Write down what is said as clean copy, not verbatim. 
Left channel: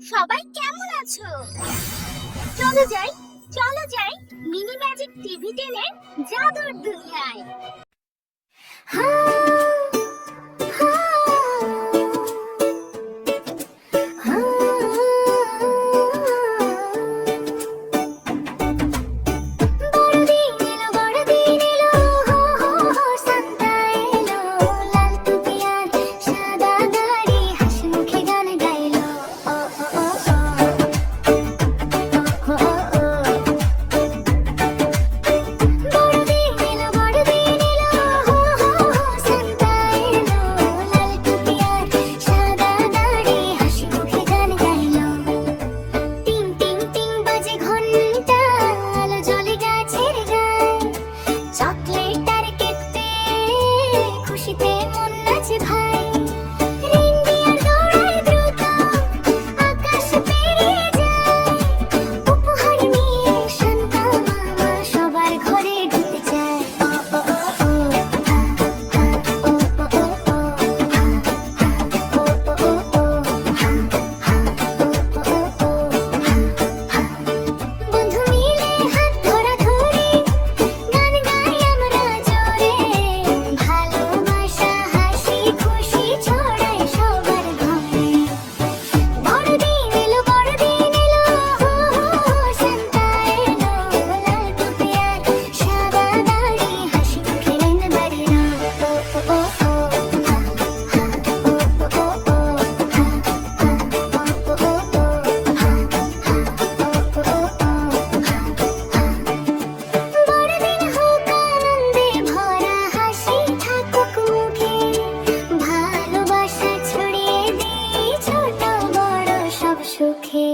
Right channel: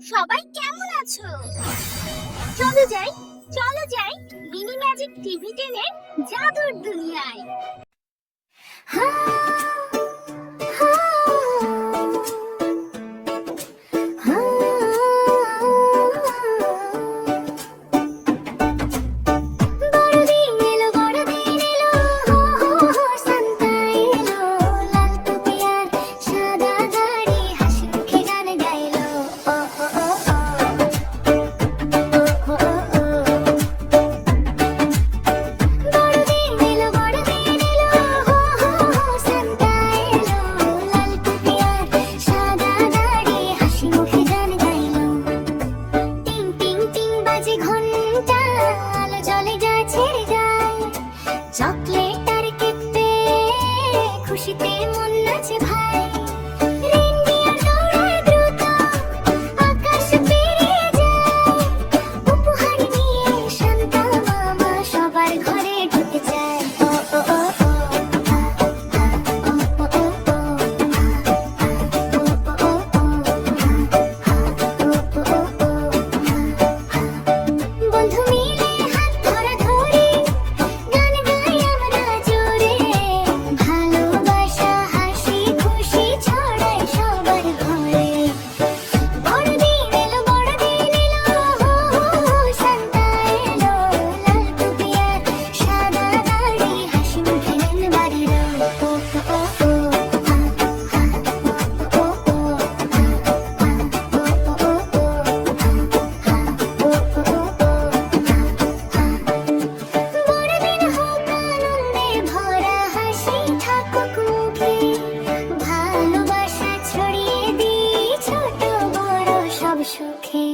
সবাই কেমন আছো? চলো যাই, চলো যাই মিনি ম্যাজিক টিভি টেনের জাদুর দুনিয়ায়। চকলেট আর কেক পেয়ে খুশিতে মন নাচে ভাই। রেইনডিয়ার দৌড়ায় দ্রুত, আকাশ পেরিয়ে যায়। উপহার নিয়ে শান্তা মামা সবার ঘরে ঢুকে যায়। ও ও ও ও, আ আ, ও ও ও ও, আ আ, ও ও ও ও, আ আ, ও ও ও ও, আ আ। বন্ধু মিলে হাত ধরাধরি গান গাই আমরা জোরে, ভালোবাসা হাসি খুশি ছড়াই সবার ঘরে। বড়দিন এলো, বড়দিন এলো, হো হো হো, শান্তা এলো, লাল টুপি আর সাদা দাড়ি, হাসি মুখে রং বাড়িলো। ও ও ও ও, হা হা, ও ও ও ও, হা হা, ও ও ও ও, হা হা, ও ও ও ও, হা হা। বড়দিন হোক আনন্দে ভরা, হাসি থাকুক মুখে, ভালোবাসা ছড়িয়ে দিই ছোট বড় সব সুখে।